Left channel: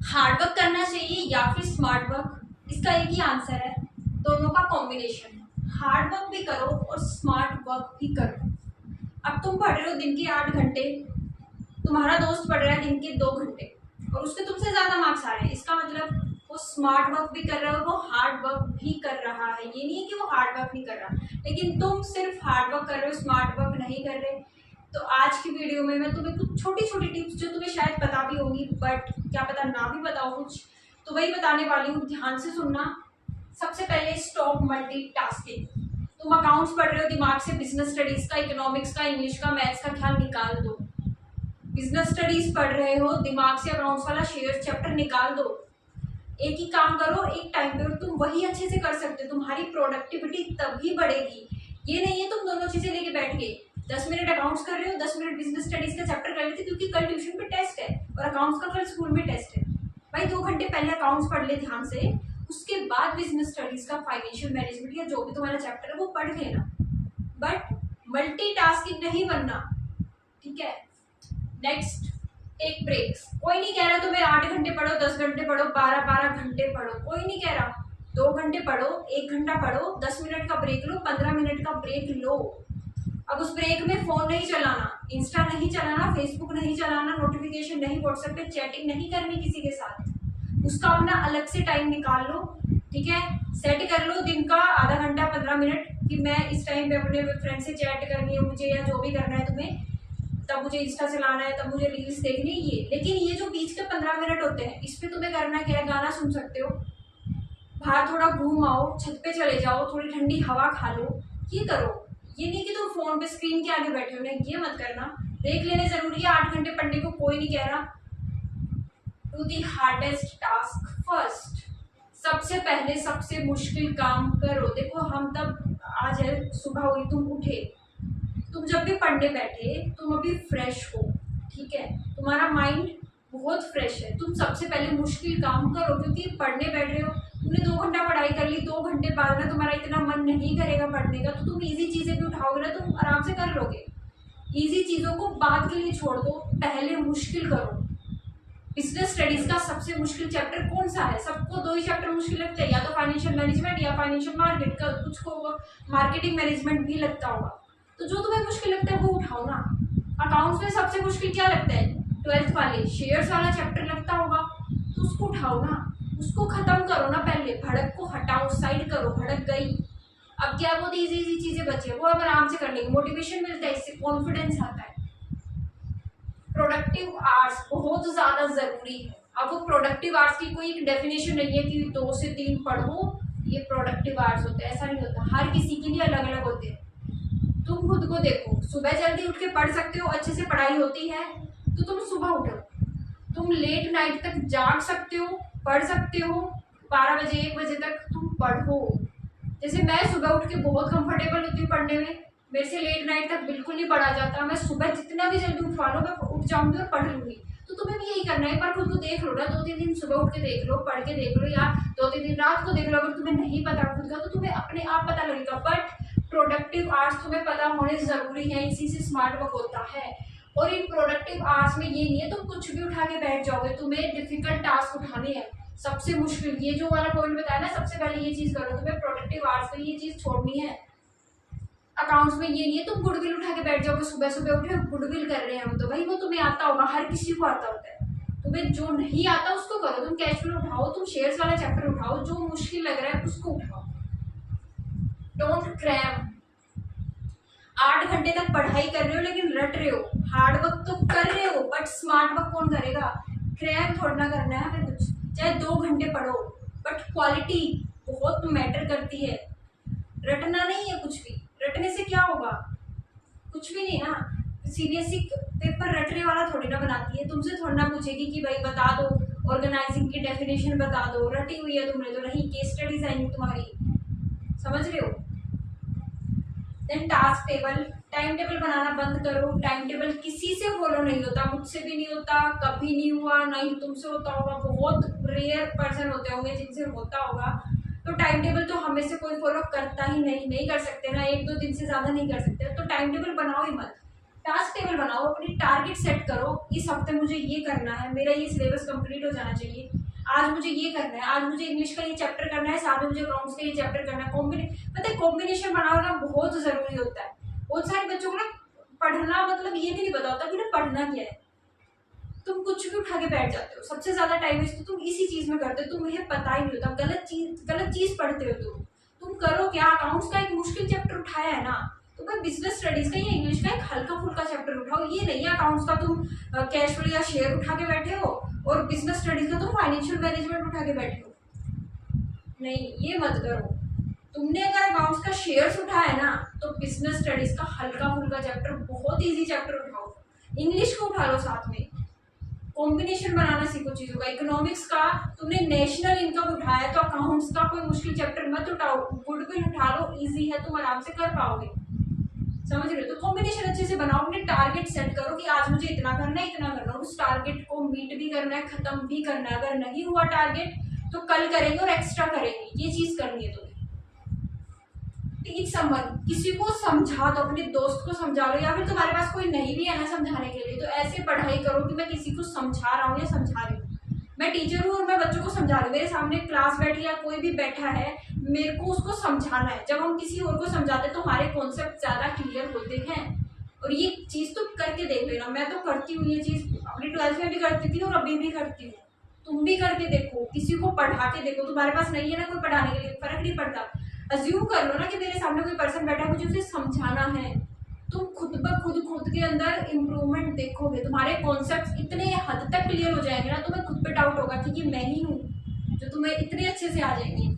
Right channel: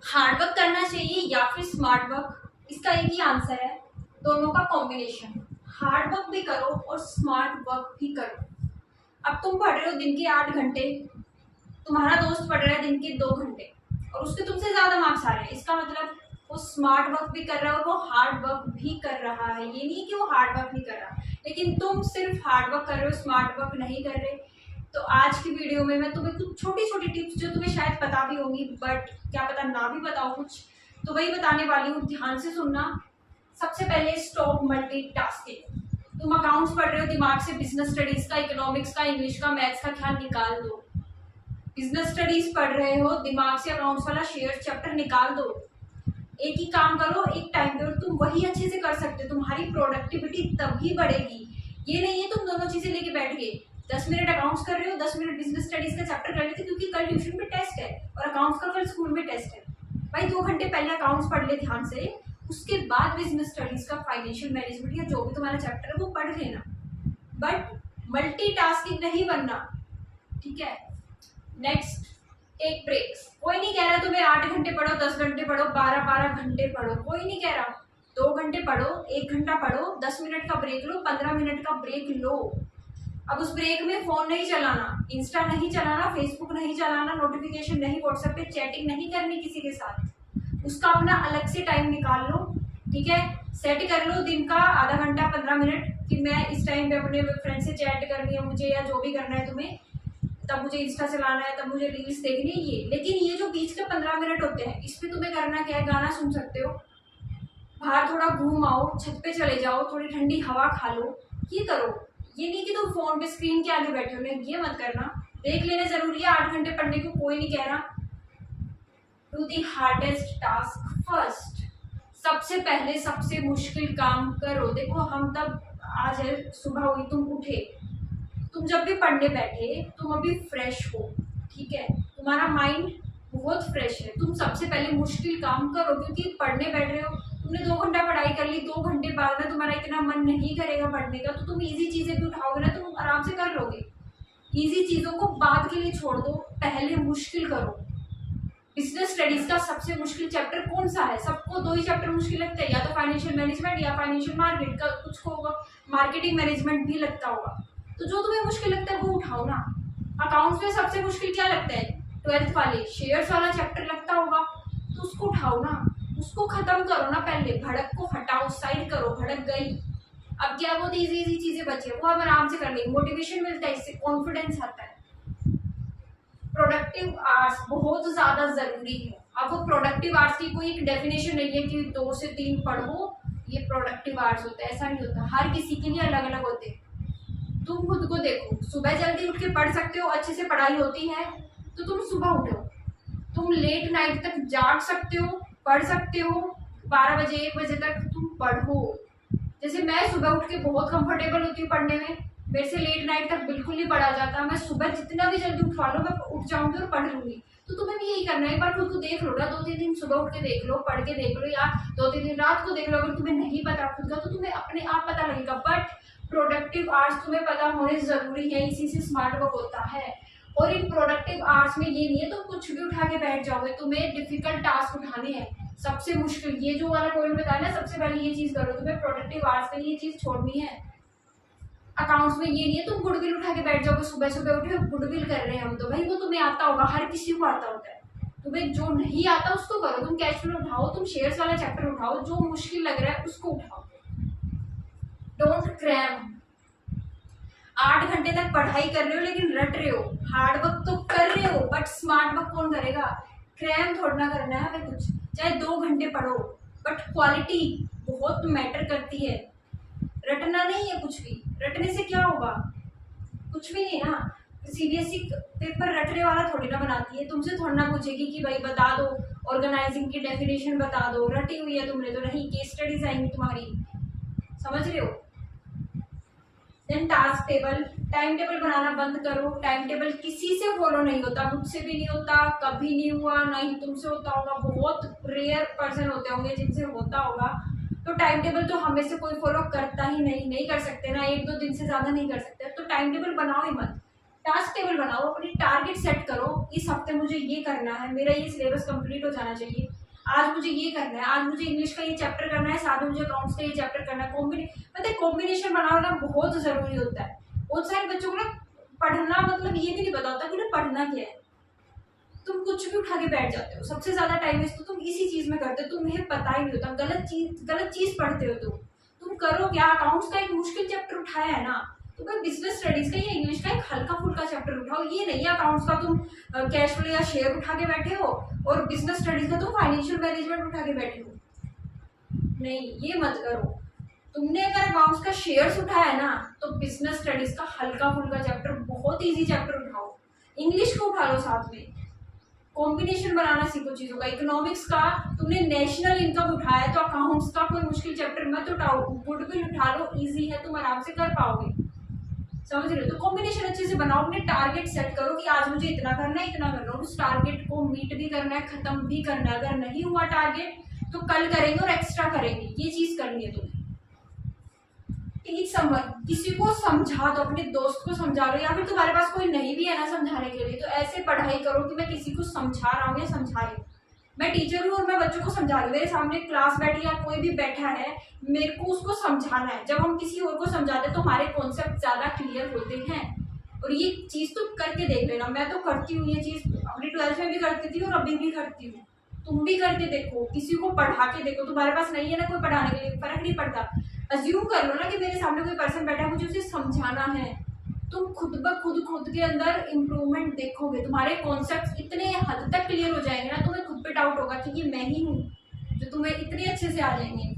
Hard work करना चाहिए या फिर स्मार्ट वर्क? इसका एक ही आंसर है, दोनों का कॉम्बिनेशन। हार्ड वर्क भी करो और स्मार्ट वर्क भी करो। अब तुम पढ़ रहे हो दिन के 8 घंटे, तुम्हारा दोस्त पढ़ रहा है दिन के 2 घंटे और उसके तुमसे ज्यादा मार्क्स आ रहे हैं, इसका मतलब वो स्मार्ट वर्क भी कर रहा है और वो हार्ड वर्क भी कर रहा है। ये नहीं है कि वो हार्ड वर्क नहीं कर रहा, लेकिन तुम सिर्फ हार्ड वर्क कर रहे हो, स्मार्ट वर्क नहीं कर रहे। तो आज की वीडियो में मैं तुम्हें कुछ छोटी छोटी टिप्स जो तुम्हें शायद पता भी होंगी बट क्या पता ना भी बताओ कुछ, तो वही बताने वाली हूँ, ध्यान से सुनना। सबसे पहले स्टॉप मल्टीटास्किंग। तुम अकाउंट्स पढ़ रहे हो, दिमाग से बिजनेस स्टडीज का, इकोनॉमिक्स का, इंग्लिश का, मैथ्स का ख्याल निकाल दो। बिजनेस स्टडीज पढ़ रहे हो, दिमाग से अकाउंट्स वाला शेयर चैप्टर निकाल दो। एक ही काम करो एक टाइम पे और तुम वही अच्छे से कर सकते हो, तुम्हारी प्रोडक्टिविटी तभी बढ़ेगी। ये नहीं है तुम दोनों चीजें लेके बैठ गए, 10 मिनट अकाउंट्स कर रहे हो, 10 मिनट बिजनेस स्टडीज का चैप्टर कर लेते क्योंकि कल ट्यूशन में टेस्ट है और अकाउंट्स का कल स्कूल में टेस्ट है। भाई 2 घंटे पहले अकाउंट्स पढ़ ले ध्यान से, उसके बाद बिजनेस स्टडीज का, फाइनेंशियल मैनेजमेंट या जो भी तुम्हारा चैप्टर है वो पढ़ लेना, बट मल्टीटास्किंग नहीं बनना, ठीक है। Next, take breaks. कोई नहीं कह रहा तुम्हें 8 घंटे पढ़ो, 10 घंटे पढ़ो, 12 12 घंटे पढ़ो, कोई नहीं कह रहा। 2 घंटे पढ़ो, 1 घंटा पढ़ो, 10 मिनट का ब्रेक लो, 15 मिनट का ब्रेक लो। अब उस ब्रेक में फोन नहीं चलाना, इंस्टा नहीं चलाना, फेसबुक नहीं चलाना, नोटिफिकेशन नहीं, व्हाट्सएप पे चैटिंग नहीं करनी किसी के साथ। उसका अपना अलग से टाइम निकाल लो, ठीक है। सेट कर लो दिन का आधा घंटा 15 मिनट कि मैं इस टाइम पे अपने फ्रेंड से चैट करनी है मुझे या जो भी करना है तुम्हें, तब मुझे इंस्टा चलाना है, तब मुझे रील्स देखनी है ये। लेकिन ये जो बीच के 15 मिनट होते हैं इसमें तुम्हें करना क्या है, गाना सुन सकते हो, बाहर थोड़ा घूम आओ, छत पे चले जाओ, थोड़ी ठंडी हवा खा लो, ये करो। ये नहीं कि तुम फोन पे स्क्रीन के आगे बैठे हो, नहीं, ये मत करना। देख लेना जरूरी है, 8 घंटे पढ़ने को कोई नहीं कह रहा। Do the hardest task first. सबसे पहले सबसे मुश्किल काम करो। देखो हम तब, आज है सुबह हुई, तुम उठे, तुम जब भी पढ़ने बैठे तुम अभी फ्रेश हो, ठीक है, तुम्हारा माइंड बहुत फ्रेश है, तुम सबसे पहले मुश्किल काम करो क्योंकि पढ़ने बैठ रहे हो, तुमने 2 घंटा पढ़ाई कर ली, 2 घंटे बाद में तुम्हारा इतना मन नहीं करेगा पढ़ने का, तो तुम इजी चीजें भी उठाओगे ना, तुम आराम से कर लोगे। इजी चीजों को बाद के लिए छोड़ दो, पहले मुश्किल करो। बिजनेस स्टडीज का सबसे मुश्किल चैप्टर कौन सा है? सबको 2 ही चैप्टर मुश्किल लगते हैं, या तो फाइनेंशियल मैनेजमेंट या फाइनेंशियल मार्केट का, कुछ को मार्केटिंग मैनेजमेंट भी लगता होगा। तो जो तुम्हें मुश्किल लगता है वो उठाओ ना। अकाउंट्स में सबसे मुश्किल क्या लगता है? 12th वाले शेयर्स वाला चैप्टर लगता होगा, तो उसको उठाओ ना, उसको खत्म करो ना, पहले भड़क को हटाओ, साइड करो, भड़क गई। अब क्या बहुत इजी इजी चीजें बची है वो हम आराम से कर लेंगे, मोटिवेशन मिलता है, इससे कॉन्फिडेंस आता है। प्रोडक्टिव आवर्स बहुत ज्यादा जरूरी है। अब वो प्रोडक्टिव आवर्स की कोई एक डेफिनेशन नहीं है कि 2 से 3 पढ़ो ये प्रोडक्टिव आवर्स होता है, ऐसा नहीं होता, हर किसी के लिए अलग अलग होते हैं। तुम खुद को देखो, सुबह जल्दी उठ के पढ़ सकते हो, अच्छे से पढ़ाई होती है तो तुम सुबह उठो। तुम लेट नाइट तक जाग सकते हो, पढ़ सकते हो, 12 बजे 1 बजे तक तुम पढ़ो। जैसे मैं सुबह उठ के बहुत कंफर्टेबल होती हूँ पढ़ने में, मेरे से लेट नाइट तक बिल्कुल नहीं पढ़ा जाता, मैं सुबह जितना भी जल्दी उठवा लो मैं उठ जाऊंगी और पढ़ लूंगी। तो तुम्हें भी यही करना है, एक बार खुद को देख लो ना, 2-3 दिन सुबह उठ के देख लो, पढ़ के देख लो, या 2-3 दिन रात को देख लो। अगर तुम्हें नहीं पता खुद का तो तुम्हें अपने आप पता लगेगा, बट प्रोडक्टिव आवर्स तुम्हें पता होने जरूरी है, इसी से स्मार्ट वर्क होता है। और इन प्रोडक्टिव आवर्स में ये नहीं है तुम कुछ भी उठा के बैठ जाओगे, तुम्हें डिफिकल्ट टास्क उठाने हैं, सबसे मुश्किल, ये जो वाला पॉइंट बताया ना, सबसे पहले ये चीज करो, तुम्हें प्रोडक्टिव आवर्स में ये चीज छोड़नी है। अकाउंट्स में ये नहीं है तुम गुडविल उठा के बैठ जाओगे, सुबह सुबह उठे गुडविल कर रहे हैं हम, तो भाई वो तुम्हें आता होगा, हर किसी को आता होता है, तुम्हें जो नहीं आता उसको करो। तुम कैश फ्लो उठाओ, तुम शेयर्स वाला चैप्टर उठाओ, जो मुश्किल लग रहा है उसको उठाओ। Don't cram. 8 घंटे तक पढ़ाई कर रहे हो लेकिन रट रहे हो, हार्ड वर्क तो कर रहे हो बट स्मार्ट वर्क कौन करेगा? क्रैम थोड़ा ना करना है हमें कुछ, चाहे 2 घंटे पढ़ो बट क्वालिटी बहुत मैटर करती है, रटना नहीं है कुछ भी। रटने से क्या होगा? कुछ भी नहीं ना। सीबीएसई पेपर रटने वाला थोड़ी ना बनाती है, तुमसे थोड़ी ना पूछेगी कि भाई बता दो ऑर्गेनाइजिंग की डेफिनेशन बता दो, रटी हुई है तुमने तो नहीं, केस स्टडीज आएंगी तुम्हारी, समझ रहे हो। Then task table, time table बनाना बंद करो। टाइम टेबल किसी से फॉलो नहीं होता, मुझसे भी नहीं होता, कभी नहीं हुआ, ना ही तुमसे होता होगा, बहुत रेयर पर्सन होते होंगे जिनसे होता होगा। तो टाइम टेबल तो हमें से कोई फॉलो करता ही नहीं, नहीं कर सकते ना, 1-2 दिन से ज्यादा नहीं कर सकते, तो टाइम टेबल बनाओ ही मत। टास्क टेबल बनाओ, अपनी टारगेट सेट करो, इस हफ्ते मुझे ये करना है, मेरा ये सिलेबस कंप्लीट हो जाना चाहिए, आज मुझे ये करना है, आज मुझे इंग्लिश का ये चैप्टर करना है, साथ में मुझे अकाउंट्स का ये चैप्टर करना है। पता है कॉम्बिनेशन बनाना बहुत जरूरी होता है। बहुत सारे बच्चों को ना पढ़ना मतलब ये भी नहीं पता होता कि ना पढ़ना क्या है। तुम कुछ भी उठा के बैठ जाते हो, सबसे ज्यादा टाइम वेस्ट तो तुम इसी चीज में करते हो, तुम्हें पता ही नहीं होता, गलत चीज पढ़ते हो। तुम करो क्या, अकाउंट्स का एक मुश्किल चैप्टर उठाया है ना, तो भाई बिजनेस स्टडीज का या इंग्लिश का एक हल्का फुल्का चैप्टर उठाओ। ये नहीं है अकाउंट्स का तुम कैश फ्लो या शेयर उठा के बैठे हो और बिजनेस स्टडीज का तुम फाइनेंशियल मैनेजमेंट उठा के बैठे हो। नहीं, ये मत करो। तुमने अगर अकाउंट्स का शेयर्स उठाया ना, तो बिजनेस स्टडीज का हल्का फुल्का चैप्टर, बहुत इजी चैप्टर उठाओ, इंग्लिश को उठा लो, साथ में कॉम्बिनेशन बनाना सीखो चीजों का। इकोनॉमिक्स का तुमने नेशनल इनकम उठाया, तो अकाउंट्स का कोई मुश्किल चैप्टर मत उठाओ, गुडविल उठा लो, इजी है, तुम आराम से कर पाओगे। समझ रहे हो? तो कॉम्बिनेशन अच्छे से बनाओ, अपने टारगेट सेट करो कि आज मुझे इतना करना है, इतना करना है, उस टारगेट को मीट भी करना है, खत्म भी करना है। अगर नहीं हुआ टारगेट तो कल करेंगे और एक्स्ट्रा करेंगे, ये चीज करनी है तुम्हें। टीच समवन, किसी को समझा दो, अपने दोस्त को समझा लो, या फिर तुम्हारे पास कोई नहीं भी है ना समझाने के लिए, तो ऐसे पढ़ाई करो कि मैं किसी को समझा रहा हूँ या समझा रही हूँ। मैं टीचर हूँ और मैं बच्चों को समझा रही हूँ, मेरे सामने क्लास बैठी या कोई भी बैठा है, मेरे को उसको समझाना है। जब हम किसी और को समझाते हैं तो हमारे कॉन्सेप्ट ज्यादा क्लियर होते हैं। और ये चीज तो करके देख लेना, मैं तो करती हूँ ये चीज, अपनी 12th में भी करती थी और अभी भी करती हूँ। तुम भी करके देखो, किसी को पढ़ा के देखो। तुम्हारे पास नहीं है ना कोई पढ़ाने के लिए, फर्क नहीं पड़ता, अज्यूम कर लो ना कि मेरे सामने कोई पर्सन बैठा है, मुझे उसे समझाना है। तुम खुद ब खुद के अंदर इम्प्रूवमेंट देखोगे, तुम्हारे कॉन्सेप्ट्स इतने हद तक क्लियर हो जाएंगे ना, तुम्हें खुद पे डाउट होगा कि ये मैं ही हूँ, जो तुम्हें इतने अच्छे से आ जाएंगे।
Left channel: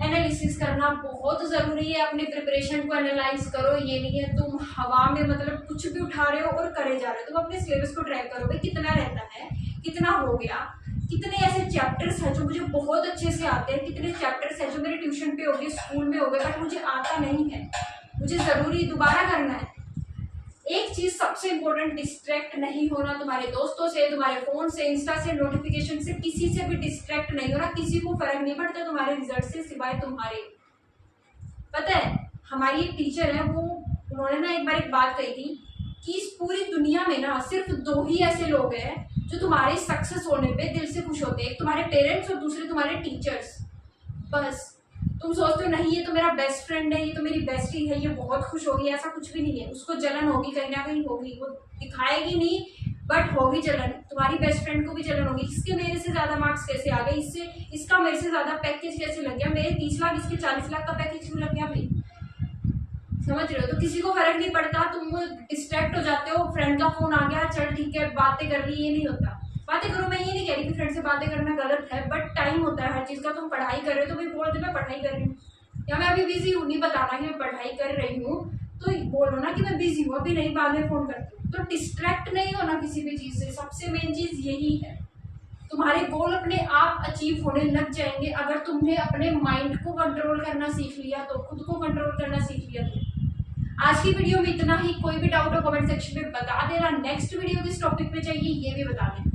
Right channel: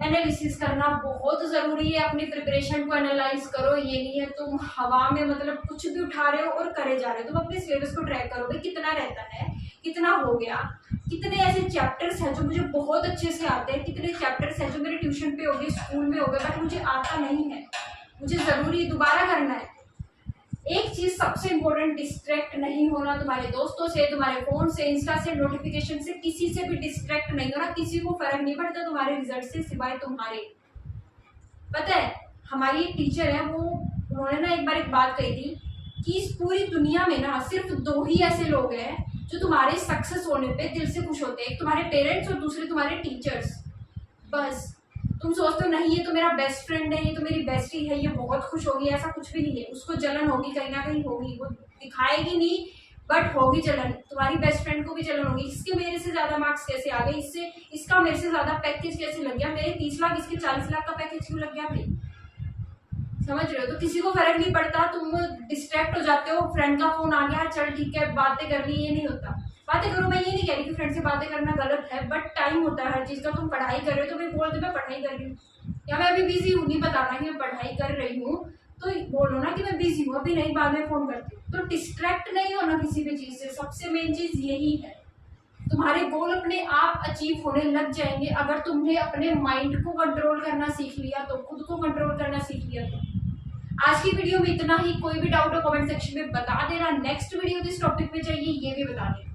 एनालिसिस करना बहुत जरूरी है, अपनी प्रिपरेशन को एनालाइज करो। ये नहीं है तुम हवा में मतलब कुछ भी उठा रहे हो और करे जा रहे हो। तुम अपने सिलेबस को ट्रैक करो, भाई कितना रहता है, कितना हो गया, कितने ऐसे चैप्टर्स हैं जो मुझे बहुत अच्छे से आते हैं, कितने चैप्टर्स हैं जो मेरे ट्यूशन पे हो गए, स्कूल में हो गए, बट मुझे आता नहीं है, मुझे जरूरी दोबारा करना है। एक चीज सबसे इंपॉर्टेंट, डिस्ट्रैक्ट नहीं होना तुम्हारे दोस्तों से, तुम्हारे फोन से, इंस्टा से, नोटिफिकेशन से, किसी से भी डिस्ट्रैक्ट नहीं होना। किसी को फर्क नहीं पड़ता तुम्हारे रिजल्ट से सिवाय तुम्हारे। पता है हमारी एक टीचर है, वो उन्होंने ना एक बार एक बात कही थी कि इस पूरी दुनिया में ना सिर्फ 2 ही ऐसे लोग हैं जो तुम्हारे सक्सेस होने पे दिल से खुश होते हैं, एक तुम्हारे पेरेंट्स और दूसरे तुम्हारे टीचर्स। बस तुम सोचते हो नहीं ये तो मेरा बेस्ट फ्रेंड है, ये तो मेरी बेस्टी है, ये बहुत खुश होगी, ऐसा कुछ भी नहीं है। उसको जलन होगी, कहीं ना कहीं होगी, वो दिखाएगी नहीं बट होगी जलन। तुम्हारी बेस्ट फ्रेंड को भी जलन होगी, इसके मेरे से ज्यादा मार्क्स कैसे आ गए, इससे इसका मेरे से ज्यादा पैकेज कैसे लग गया, मेरे 30 लाख इसके 40 लाख का पैकेज क्यों लग गया भाई। समझ रहे हो? तो किसी को फर्क नहीं पड़ता, तुम डिस्ट्रैक्ट हो जाते हो, फ्रेंड का फोन आ गया, चल ठीक है बातें कर ली, ये नहीं होता। बातें करो, मैं ये नहीं कह रही कि फ्रेंड से बातें करना गलत है, बट टाइम होता है हर चीज का। तुम पढ़ाई कर रहे हो तो मैं बोल दे मैं पढ़ाई कर रही हूँ, या मैं अभी बिजी हूँ, नहीं बताना कि मैं पढ़ाई कर रही हूँ, तो बोलो ना कि मैं बिजी हूँ, अभी नहीं, बाद में फोन करती हूँ। तो डिस्ट्रैक्ट नहीं होना किसी भी चीज से, सबसे मेन चीज यही है। तुम्हारे गोल अपने आप अचीव होने लग जाएंगे अगर तुमने अपने माइंड को कंट्रोल करना सीख लिया, तो खुद को कंट्रोल करना सीख लिया। तो आज की वीडियो में इतना ही। कोई भी डाउट हो कमेंट सेक्शन में बता देना। नेक्स्ट वीडियो किस टॉपिक पे चाहिए ये भी बता देना।